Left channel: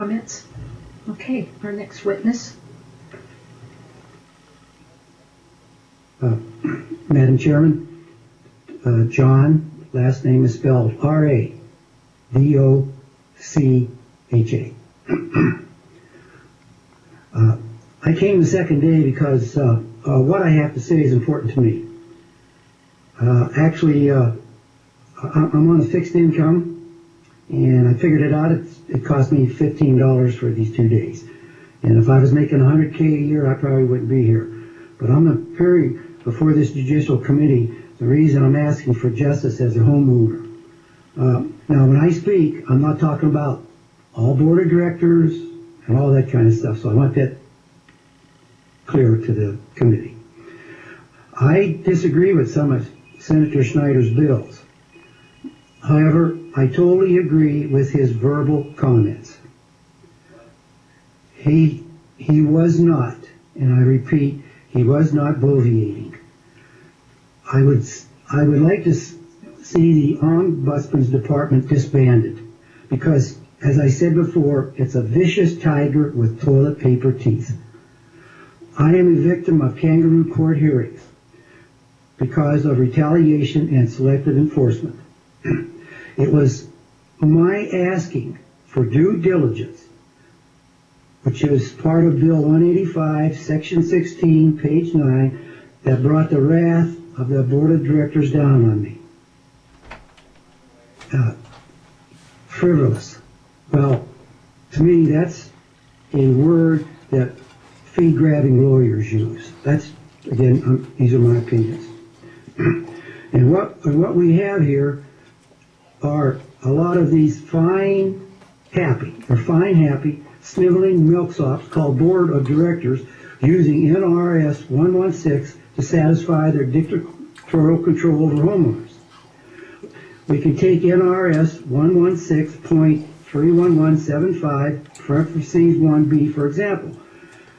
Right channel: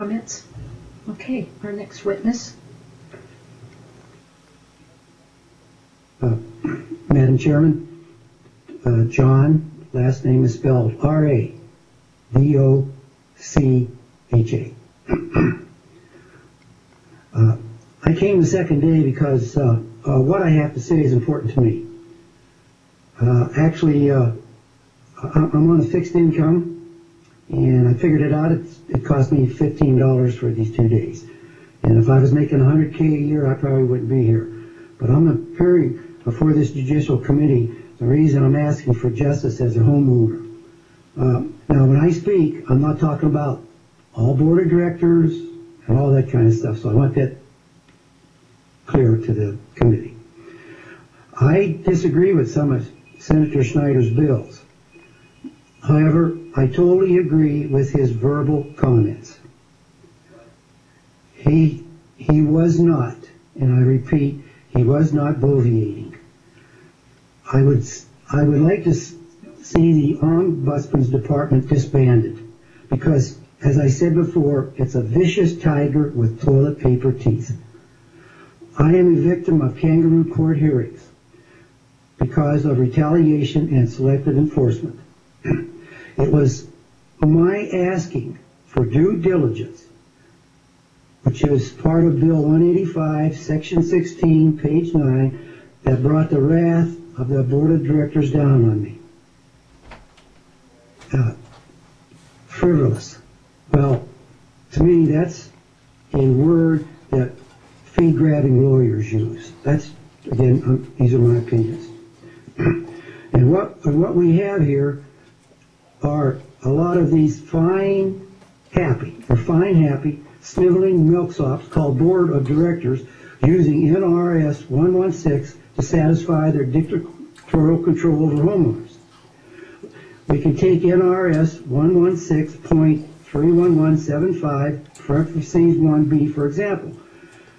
Comments? Okay, our next witness. Madam Chairman, John, last name is spelled R-A-D-O-C-H-A. I came the second day because what I have to say is important to me. Actually, I'm on a fixed income, and I figured it out. It cost me $15 for these 2 days. And if I was making $100K a year, I probably wouldn't be here. But I'm appearing before this judicial committee. The reason I'm asking for justice as a homeowner. Now, when I speak, I'm not talking about all board of directors and all that kind of stuff. So I want that clear to the committee. I disagree with some of Senator Schneider's bills. However, I totally agree with his verbal comments. He was not, and I repeat, he was not bloviating. I would like to see the Ombudsman's Department disbanded because, as I said before, it's a vicious tiger with toilet paper teeth. I am a victim of kangaroo court hearings because of retaliation and selective enforcement. It was my asking for due diligence, which is part of Bill 185, Section 16, page 9, that brought the wrath of the Board of Directors down on me. Frivolous. Well, to me, that's a word that fee-grabbing lawyers use. That's, again, these are my opinions. And what we have here are a lot of these fine, happy, sniveling milksops called Board of Directors using NRS 116 to satisfy their dictatorial control over homeowners. We can take NRS 116.31175, parentheses 1B, for example.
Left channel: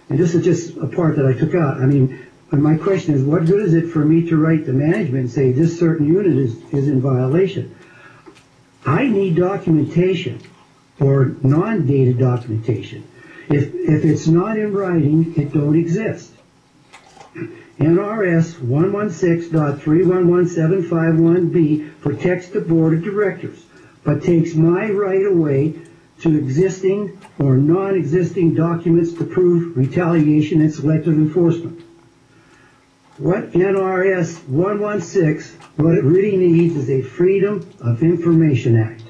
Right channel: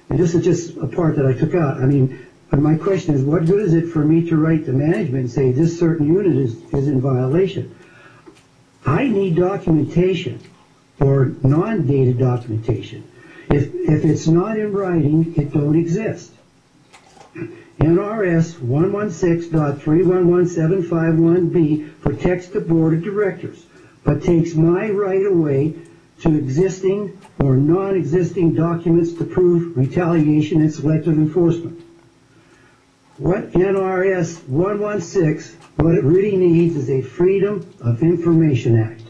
And this is just a part that I took out. I mean, my question is, what good is it for me to write to management and say this certain unit is in violation? I need documentation or non-dated documentation. If it's not in writing, it don't exist. NRS 116.311751B protects the Board of Directors, but takes my right away to existing or non-existing documents to prove retaliation and selective enforcement. What NRS 116, what it really needs is a Freedom of Information Act.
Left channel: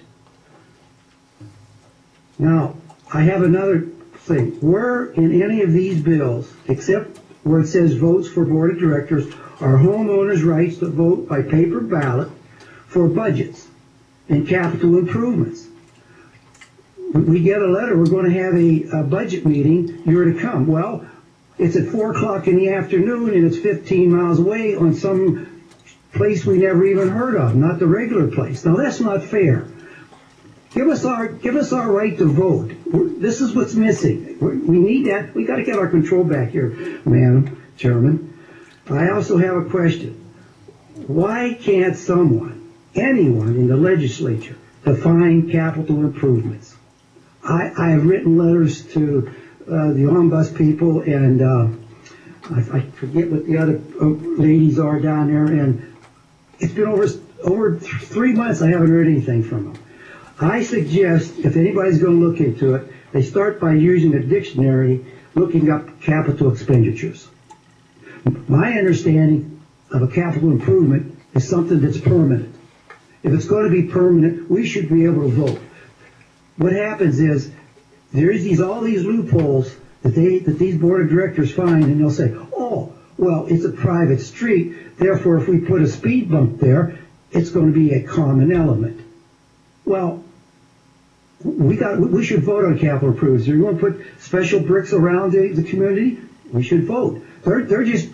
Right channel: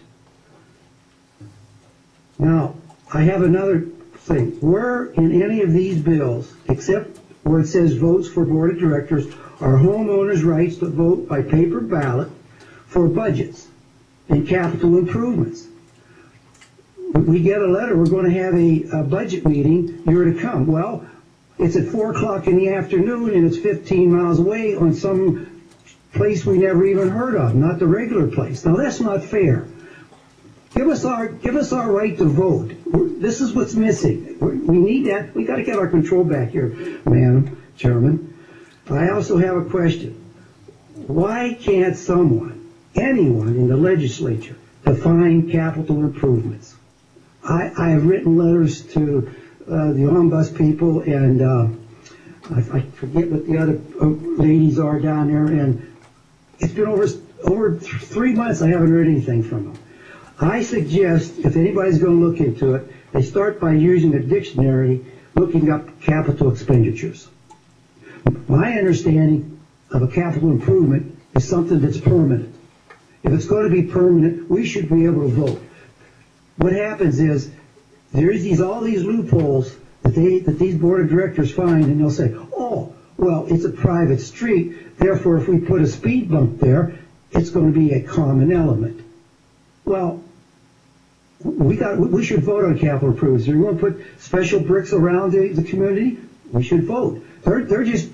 Now, I have another thing. Where in any of these bills, except where it says votes for Board of Directors, are homeowners' rights to vote by paper ballot for budgets and capital improvements? We get a letter, we're going to have a budget meeting, you're to come. Well, it's at 4 o'clock in the afternoon and it's 15 miles away on some place we never even heard of, not the regular place. Now that's not fair. Give us our right to vote. This is what's missing. We need that. We got to get our control back here, Madam Chairman. I also have a question. Why can't someone, anyone in the legislature, define capital improvements? I have written letters to the Ombuds people, and I forget what the other ladies are down there, and it's been over 3 months I haven't heard anything from them. I suggest, if anybody's going to look into it, they start by using a dictionary, looking up capital expenditures. My understanding of a capital improvement is something that's permanent. If it's going to be permanent, we should be able to vote. What happens is there's all these loopholes that these board of directors find, and they'll say, oh, well, it's a private street, therefore if we put a speed bump there, it's going to be a common element. Well, we should vote on capital improvements. If you want to put special bricks around the community, we should vote. They're just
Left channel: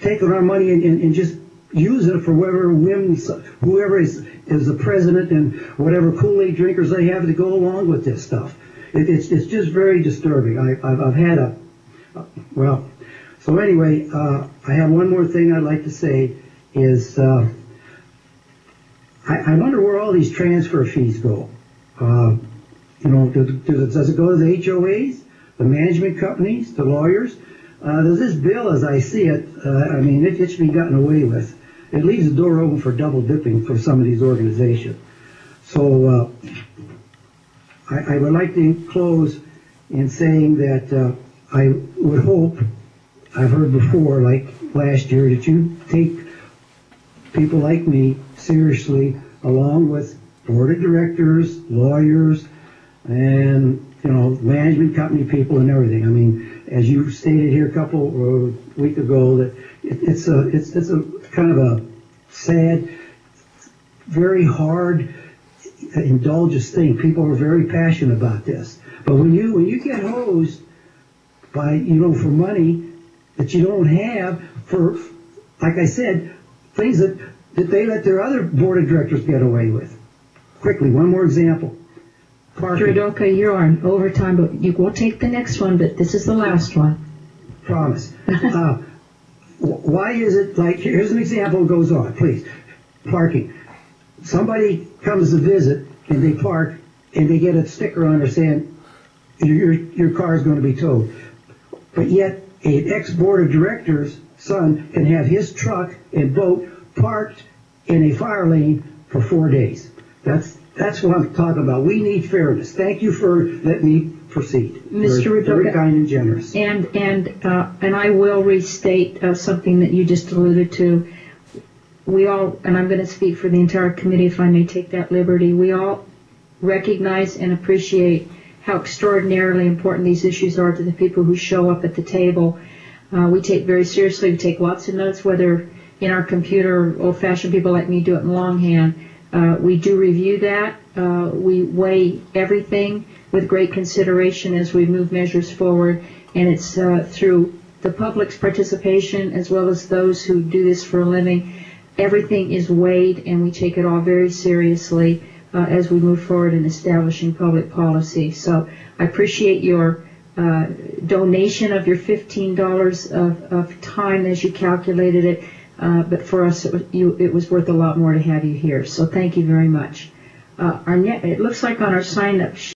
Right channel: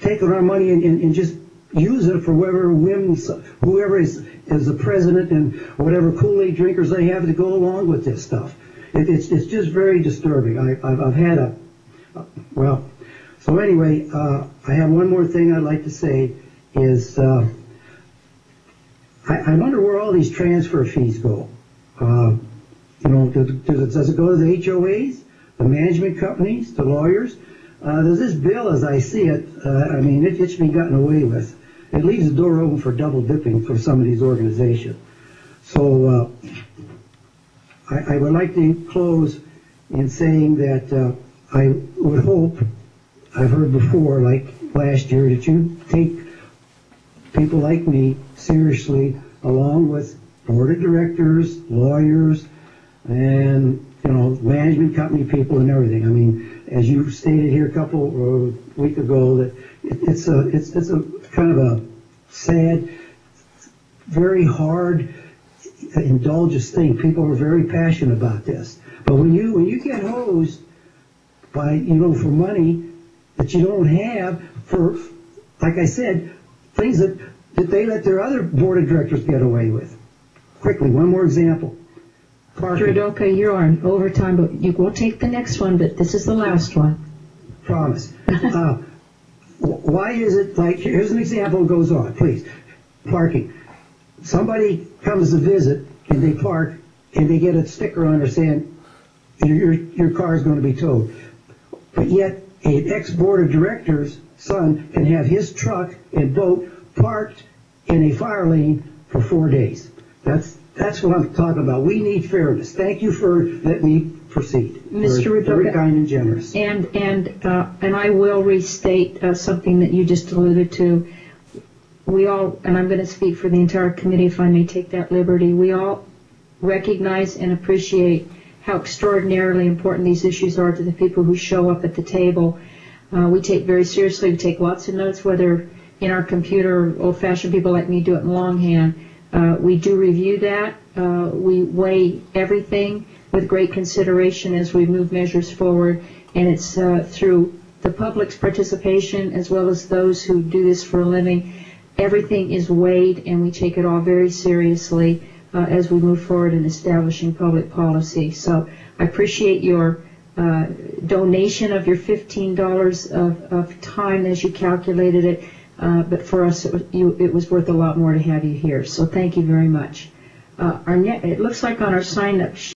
taking our money and just using it for whatever whims, whoever is the president and whatever Kool-Aid drinkers they have to go along with this stuff. It's just very disturbing. I've had well, so anyway, I have one more thing I'd like to say is I wonder where all these transfer fees go. You know, does it go to the HOAs, the management companies, the lawyers? Does this bill, as I see it, I mean, it should be gotten away with. It leaves the door open for double dipping for some of these organizations. So I would like to close in saying that I would hope, I've heard before, like last year, that you take people like me seriously, along with board of directors, lawyers, and management company people and everything. I mean, as you stated here a couple week ago, that it's a kind of a sad, very hard, indulgence thing. People are very passionate about this, but when you get hosed by for money that you don't have for, like I said, things that they let their other board of directors get away with. Quickly, one more example. Parking. Rudoka, you're on overtime, but you will take the next one, but this is the last one. Promise. Why is it like, here's an example that goes on, please. Parking. Somebody comes to visit and they park and they get a sticker on there saying your car is going to be towed. But yet an ex-board of directors' son can have his truck and boat parked in a fire lane for 4 days. That's what I'm talking about. We need fairness. Thank you for letting me proceed. Mr. Rudoka, very kind and generous. And I will restate something that you just alluded to. We all, and I'm going to speak for the entire committee if I may take that liberty, we all recognize and appreciate how extraordinarily important these issues are to the people who show up at the table. We take very seriously, we take lots of notes, whether in our computer or old-fashioned people like me do it in longhand. We do review that. We weigh everything with great consideration as we move measures forward, and it's through the public's participation as well as those who do this for a living. Everything is weighed, and we take it all very seriously as we move forward in establishing public policy. So I appreciate your donation of your $15 of time as you calculated it. But for us, it was worth a lot more to have you here. So thank you very much. It looks like on our sign-up sheet,